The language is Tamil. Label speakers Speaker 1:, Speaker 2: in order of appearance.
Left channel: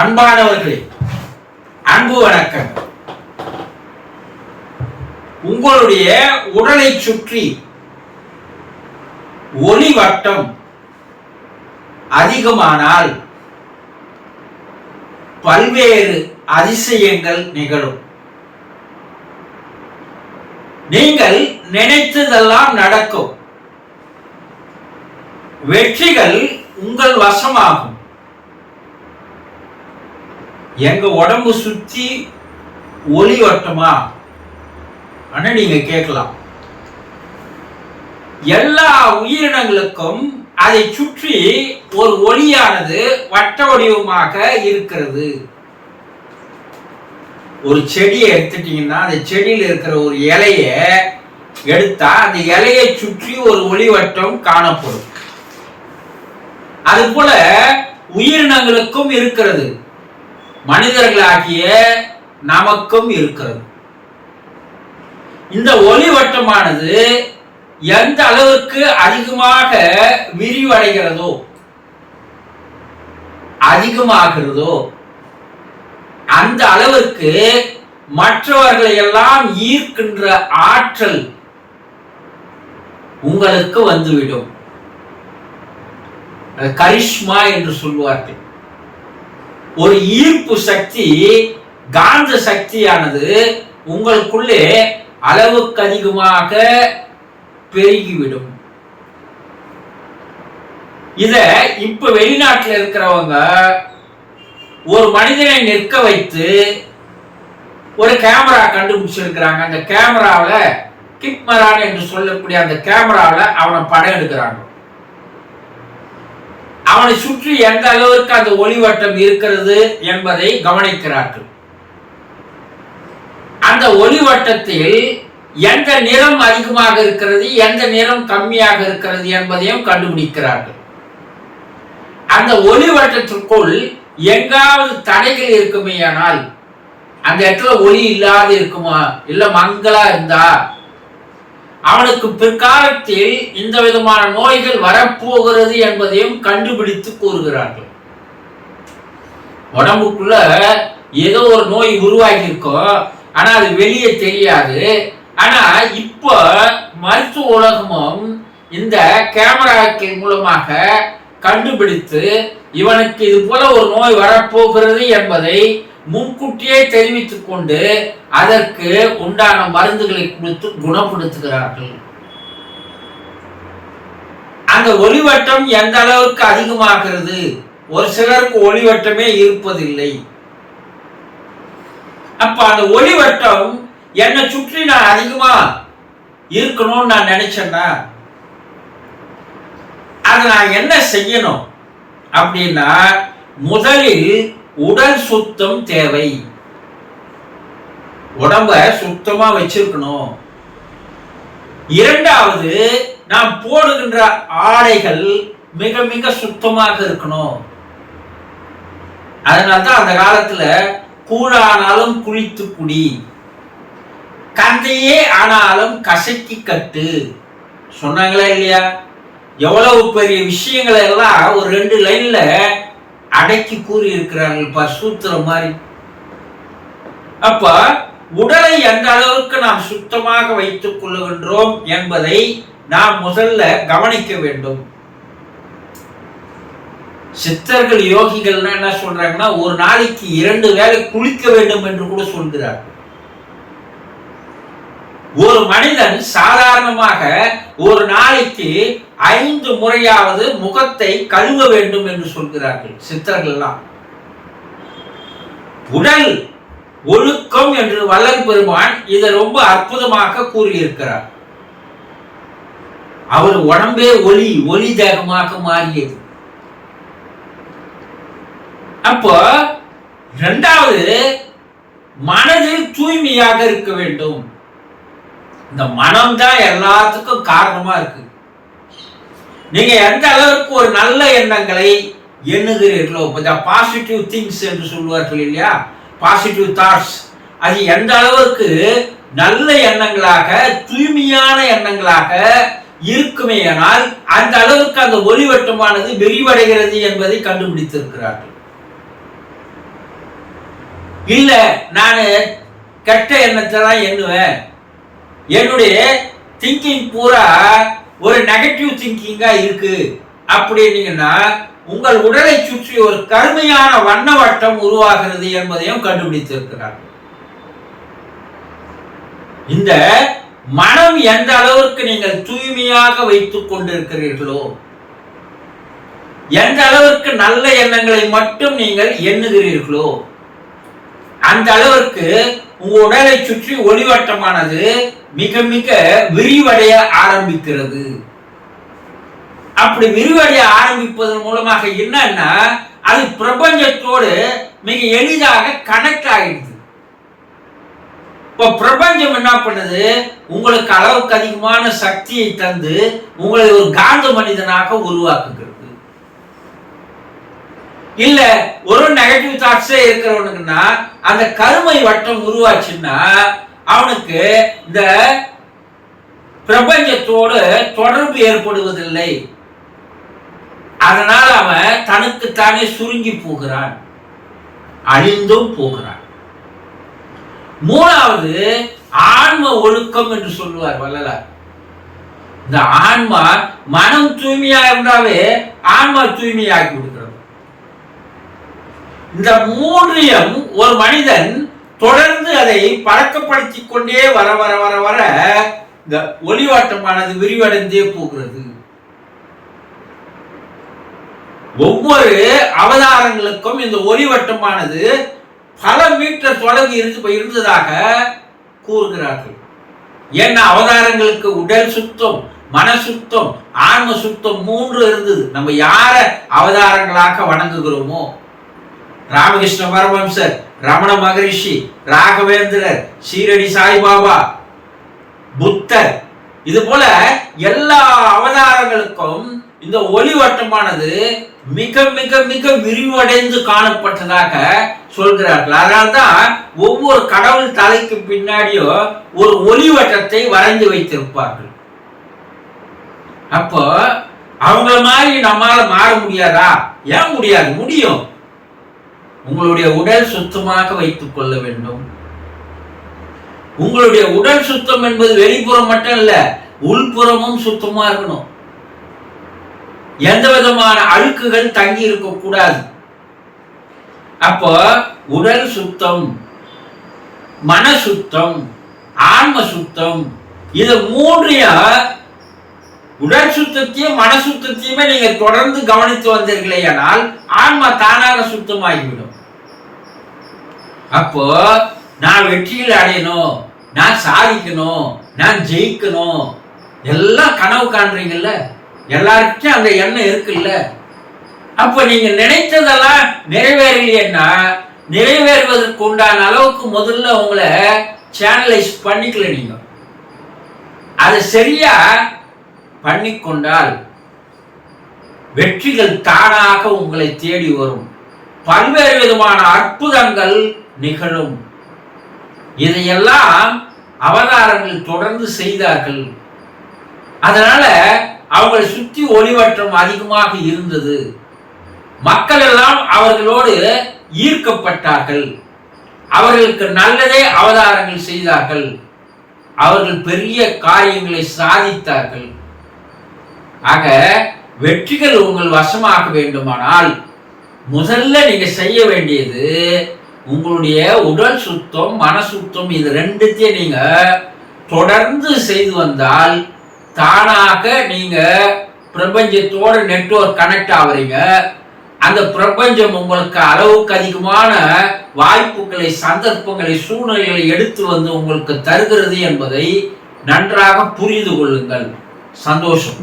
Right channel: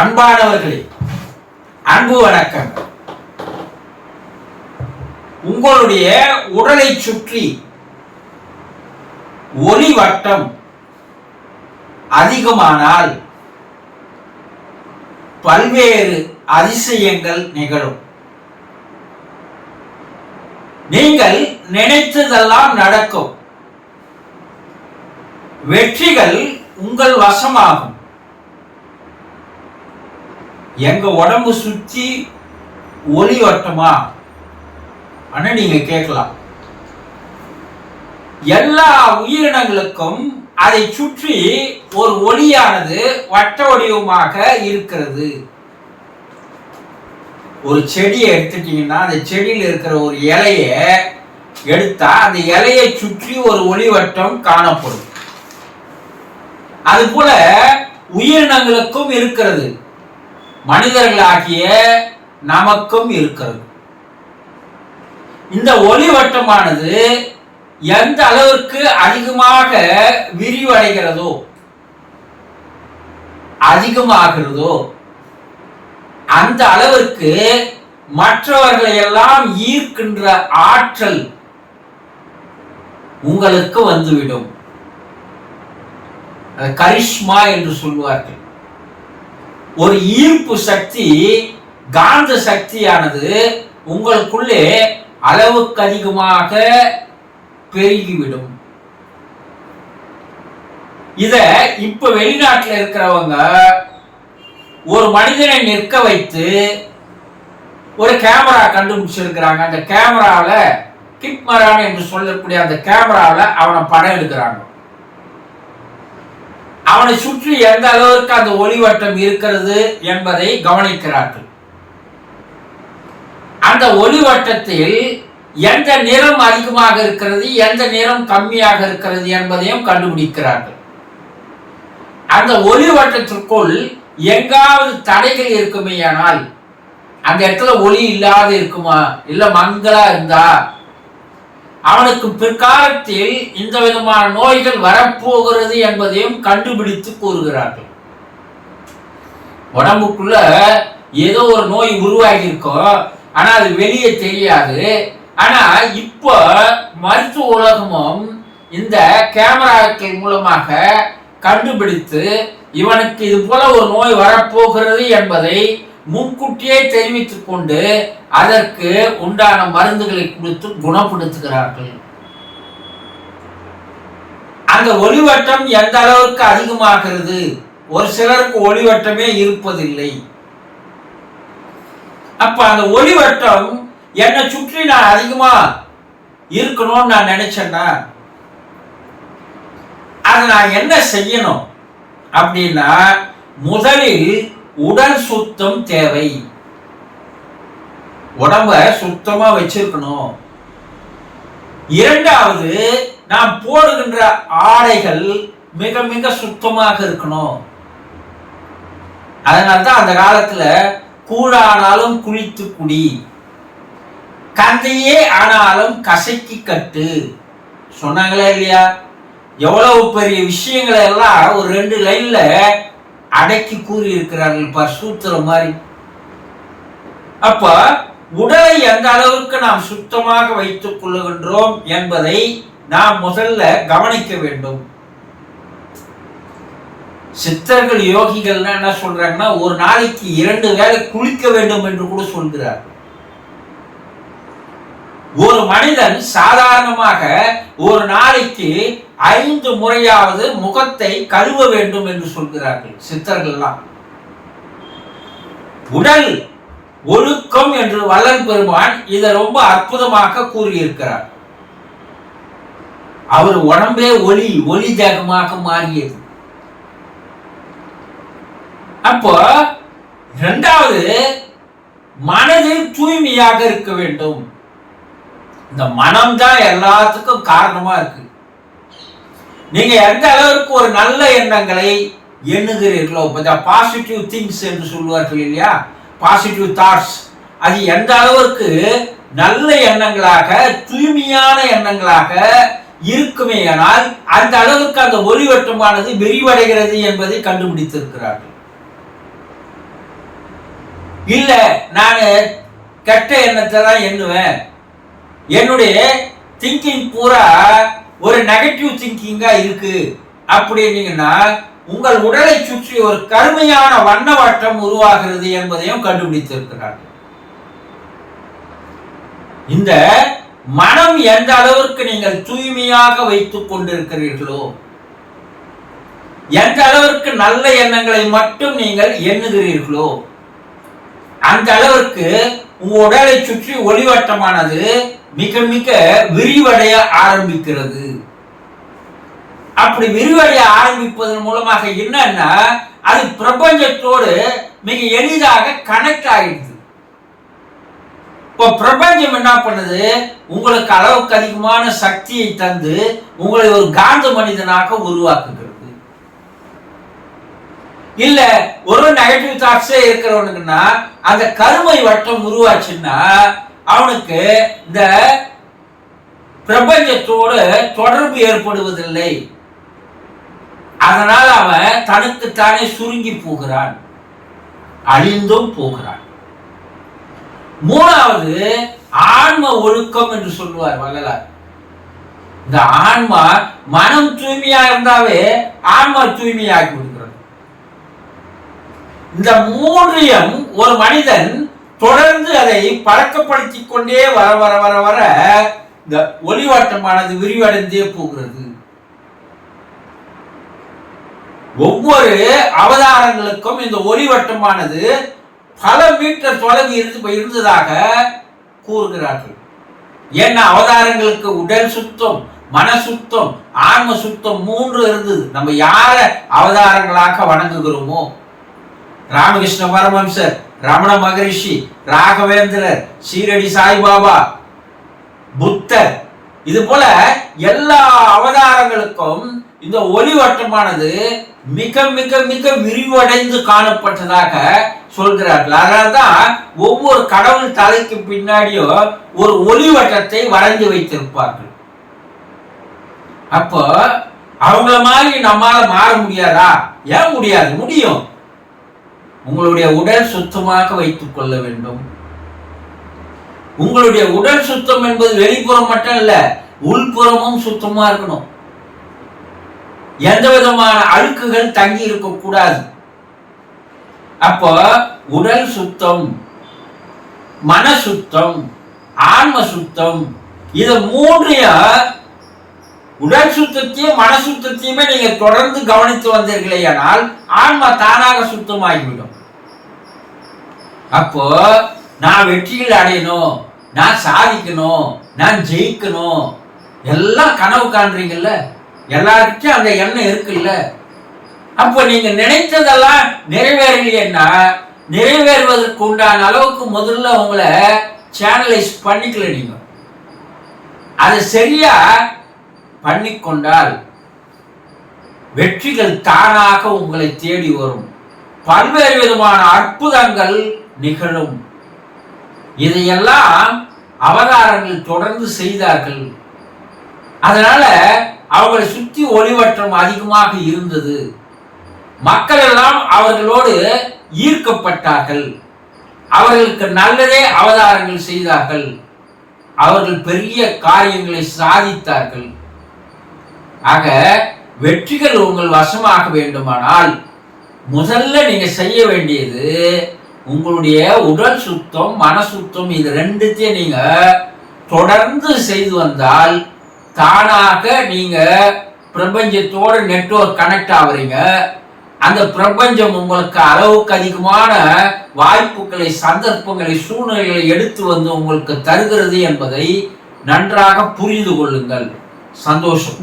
Speaker 1: அன்பானவர்களே அன்பு வணக்கம். உங்களுடைய உடலை சுற்றி ஒளி வட்டம் அதிகமானால் பல்வேறு அதிசயங்கள் நிகழும். நீங்கள் நினைத்ததெல்லாம் நடக்கும். வெற்றிகள் உங்கள் வசமாகும். எங்க உடம்பு சுத்தி ஒளி வட்டமா ஆனா நீங்க கேட்கலாம். எல்லா உயிரினங்களுக்கும் அதை சுற்றி ஒரு ஒளியானது வட்ட வடிவமாக இருக்கிறது. ஒரு செடியை எடுத்துட்டீங்கன்னா அந்த செடியில் இருக்கிற ஒரு இலைய எடுத்தா அந்த இலையை சுற்றி ஒரு ஒளிவட்டம் காணப்படும். அது போல உயிரினங்களுக்கும் இருக்கிறது. மனிதர்களாகிய நமக்கும் இருக்கிறது. இந்த ஒளி வட்டமானது எந்த அளவிற்கு அதிகமாக விரிவடைகிறதோ அதிகமாகிறதோ அந்த அளவிற்கு மற்றவர்களை எல்லாம் ஈர்க்கின்ற ஆற்றல் உங்களுக்கு வந்துவிடும். கரிஷ்மா என்று சொல்வார்கள். ஒரு ஈர்ப்பு சக்தி காந்த சக்தியானது உங்களுக்குள்ளே அளவுக்கு அதிகமாக பெருகிவிடும். இத இப்ப வெளிநாட்டில் இருக்கிறவங்க ஒரு மனிதனை நிற்க வைத்து ஒரு கேமரா கண்டுபிடிச்சிருக்கிறாங்க. அந்த கேமராவில் கிட்மரான் என்று சொல்லக்கூடிய அந்த கேமராவில் அவனை படம் எடுக்கிறாங்க. அவனை சுற்றி எந்த அளவிற்கு அந்த ஒளிவட்டம் இருக்கிறது என்பதை கவனிக்கிறார்கள். அந்த ஒளிவட்டத்தில் எந்த நிறம் அதிகமாக இருக்கிறது எந்த நிறம் கம்மியாக இருக்கிறது என்பதையும் கண்டுபிடிக்கிறார்கள். அந்த ஒளிவட்டத்திற்குள் எங்காவது தடைகள் இருக்குமேயானால் அந்த இடத்துல ஒளி இல்லாத இருக்குமா? இல்ல மங்களா இருந்தா அவனுக்கு பிற்காலத்தில் இந்த விதமான நோய்கள் வரப்போகிறது என்பதையும் கண்டுபிடித்து கூறுகிறார்கள். உடம்புக்குள்ள ஏதோ ஒரு நோய் உருவாகி இருக்கும் ஆனா அது வெளியே தெரியாது. ஆனா இப்போ மருத்துவ உலகமும் இந்த கேமராக்கள் மூலமாக கண்டுபிடித்து இவனுக்கு இது போல ஒரு நோய் வரப்போகிறது என்பதை முன்கூட்டியே தெரிவித்துக் கொண்டு அதற்கு உண்டான மருந்துகளை கொடுத்து குணப்படுத்துகிறார்கள். அந்த ஒளிவட்டம் எந்த அளவுக்கு அதிகமாகிறது? ஒரு சிலருக்கு ஒளிவட்டமே இருப்பதில்லை. அப்ப அந்த ஒளிவட்டம் என்னை சுற்றி நான் அதிகமா இருக்கணும்னு நான் நினைச்சேன்னா அதை நான் என்ன செய்யணும் அப்படின்னா முதலில் உடல் சுத்தம் தேவை. உடம்ப சுத்தமா வச்சிருக்கணும். இரண்டாவது நாம் போடுகின்ற ஆடைகள் மிக மிக சுத்தமாக இருக்கணும். அதனால்தான் அந்த காலத்துல கூழானாலும் குளித்து குடி கந்தையே ஆனாலும் கசக்கி கட்டு. சொன்னாங்களா இல்லையா? எவ்வளவு பெரிய விஷயங்களை எல்லாம் ஒரு ரெண்டு லைன்ல அடக்கி கூறி இருக்கிறார்கள் பார் சூத்திரம் மாதிரி. அப்ப உடலை எந்த அளவுக்கு நாம் சுத்தமாக வைத்துக் கொள்ளுகின்றோம் என்பதை நாம் முதல்ல கவனிக்க வேண்டும். சித்தர்கள் யோகிகள்னா என்ன சொல்றாங்கன்னா ஒரு நாளைக்கு இரண்டு வேளை குளிக்க வேண்டும் என்று கூட சொல்கிறார். ஒரு மனிதன் சாதாரணமாக ஒரு நாளைக்கு ஐந்து முறையாவது முகத்தை கழுவ வேண்டும் என்று சொல்கிறார்கள் சித்தர்கள்லாம். உடல் ஒழுக்கம் என்று வல்லன் பெருமான் இதை ரொம்ப அற்புதமாக கூறியிருக்கிறார். அவர் உடம்பே ஒளி ஒளி தேகமாக மாறியது. அப்போ இரண்டாவது மனதில் தூய்மையாக இருக்க வேண்டும். இந்த மனம்தான் எல்லாத்துக்கும் காரணமா இருக்கு. நீங்க எந்த அளவிற்கு ஒரு நல்ல எண்ணங்களை எண்ணுகிறீர்களோ இப்போ பாசிட்டிவ் திங்ஸ் என்று சொல்லுவார்கள் இல்லையா? பாசிட்டிவ் தாட்ஸ் அது எந்த அளவிற்கு நல்ல எண்ணங்களாக தூய்மையான எண்ணங்களாக இருக்குமேயானால் அந்த அளவுக்கு அந்த ஒளிவட்டமானது விரிவடைகிறது என்பதை கண்டுபிடித்திருக்கிறார்கள். இல்லை நான் கெட்ட எண்ணத்தை தான் எண்ணுவேன். என்னுடைய திங்கிங் பூரா ஒரு நெகட்டிவ் திங்கிங்காக இருக்கு. அப்படின்னீங்கன்னா உங்கள் உடலை சுற்றி ஒரு கருமையான வண்ண வட்டம் உருவாகிறது என்பதையும் கண்டுபிடித்திருக்கிறார்கள். இந்த மனம் எந்த அளவிற்கு நீங்கள் தூய்மையாக வைத்துக் கொண்டிருக்கிறீர்களோ எந்த அளவிற்கு நல்ல எண்ணங்களை மட்டும் நீங்கள் எண்ணுகிறீர்களோ அந்த அளவிற்கு உங்க உடலை சுற்றி ஒளிவட்டமானது மிக மிக விரிவடைய ஆரம்பிக்கிறது. அப்படி விரிவடைய ஆரம்பிப்பதன் மூலமாக என்னன்னா அது பிரபஞ்சத்தோடு மிக எளிதாக கனெக்ட் ஆகிடுது. இப்போ பிரபஞ்சம் என்ன பண்ணுது? உங்களுக்கு அளவுக்கு அதிகமான சக்தியை தந்து உங்களை ஒரு காந்த மனிதனாக உருவாக்குகிறது. இல்ல ஒரு நெகட்டிவ் தாட்ஸே இருக்கிறவனுக்குன்னா அந்த கருமை வட்டம் உருவாச்சுன்னா அவனுக்கு இந்த பிரபஞ்சத்தோடு தொடர்பு ஏற்படுவதில்லை. அதனால் அவன் தனக்குத்தானே சுருங்கி போகிறான். அழிந்தும் போகிறான். மூணாவது ஆன்ம ஒழுக்கம் என்று சொல்லுவார் வள்ளலார். இந்த ஆன்மா மனம் தூய்மையா இருந்தாவே ஆன்மா தூய்மையாக்கி விடுகிறது இந்த மூன்றையும் ஒரு மனிதன் தொடர்ந்து அதை பழக்கப்படுத்தி கொண்டே வர வர வர வர இந்த ஒளிவாட்டமானது விரிவடைந்தே போகிறது. ஒவ்வொரு அவதாரங்களுக்கும் இந்த ஒளிவட்டமானது பல மீட்டர் தொலைவு இருந்து இருந்ததாக கூறுகிறார்கள். ஏன்னா அவதாரங்களுக்கு உடல் சுத்தம் மன சுத்தம் ஆன்ம சுத்தம் மூன்று இருந்தது. நம்ம யார அவதாரங்களாக வணங்குகிறோமோ ராமகிருஷ்ண பரமம்சர் ரமண மகரிஷி ராகவேந்திரர் சீரடி சாய்பாபா புத்தர். இது போல எல்லா அவதாரங்களுக்கும் இந்த ஒளிவட்டமானது மிக மிக மிக விரிவடைந்து காணப்பட்டதாக சொல்கிறார்கள். அதனால்தான் ஒவ்வொரு கடவுள் தலைக்கு பின்னாடியோ ஒரு ஒளிவட்டத்தை வரைந்து வைத்திருப்பார்கள். அப்போ அவங்கள மாதிரி நம்மால மாற முடியாதா? ஏன் முடியாது? முடியும். உங்களுடைய உடல் சுத்தமாக வைத்துக் கொள்ள வேண்டும். உங்களுடைய உடல் சுத்தம் என்பது வெளிப்புறம் மட்டும் இல்ல உள்புறமும் சுத்தமா இருக்கணும். எந்த விதமான அழுக்குகள் தங்கி இருக்க கூடாது. அப்போ உடல் சுத்தம் மன சுத்தம் ஆன்ம சுத்தம் இதை மூன்றையும் உடல் சுத்தத்தையும் மன சுத்தத்தையுமே நீங்க தொடர்ந்து கவனித்து வந்தீர்களே ஆனால் ஆன்மா தானாக சுத்தமாகிவிடும். அப்போ நான் வெற்றியில் அடையணும் நான் சாதிக்கணும் நான் ஜெயிக்கணும் எல்லாம் கனவு காண்றீங்கல்ல? எல்லாருக்கும் அந்த எண்ணம் இருக்குல்ல? அப்ப நீங்க நினைத்ததெல்லாம் நிறைவேறலையேன்னா நிறைவேறுவதற்கு உண்டான அளவுக்கு முதல்ல உங்களை சேனலைஸ் பண்ணிக்கல நீங்க. அது சரியா பண்ணிக்கொண்டால் வெற்றிகள் தானாக உங்களை தேடி வரும். பல்வேறு விதமான அற்புதங்கள் நிகழும். இதையெல்லாம் அவதாரங்கள் தொடர்ந்து செய்தார்கள். அதனால அவங்களை சுற்றி ஒளிவற்றம் அதிகமாக இருந்தது. மக்கள் எல்லாம் அவர்களோடு ஈர்க்கப்பட்டார்கள். அவர்களுக்கு நல்லதே அவதாரங்கள் செய்தார்கள். அவர்கள் பெரிய காரியங்களை சாதித்தார்கள். ஆக வெற்றிகள் உங்கள் வசமாக வேண்டுமானால் முதல்ல நீங்க செய்ய வேண்டியது உங்களுடைய உடல் சுத்தம் மன சுத்தம் இது ரெண்டுத்தையும் நீங்க தொடர்ந்து செய்து வந்தால் தானாக நீங்க பிரபஞ்சத்தோட நெட்வொர்க் கனெக்ட் ஆகுறீங்க அந்த பிரபஞ்சம் உங்களுக்கு அளவுக்கு அதிகமான வாய்ப்புகளை சந்தர்ப்பங்களை சூழ்நிலைகளை எடுத்து வந்து உங்களுக்கு தருகிறது என்பதை நன்றாக புரிந்து கொள்ளுங்கள். சந்தோஷம்.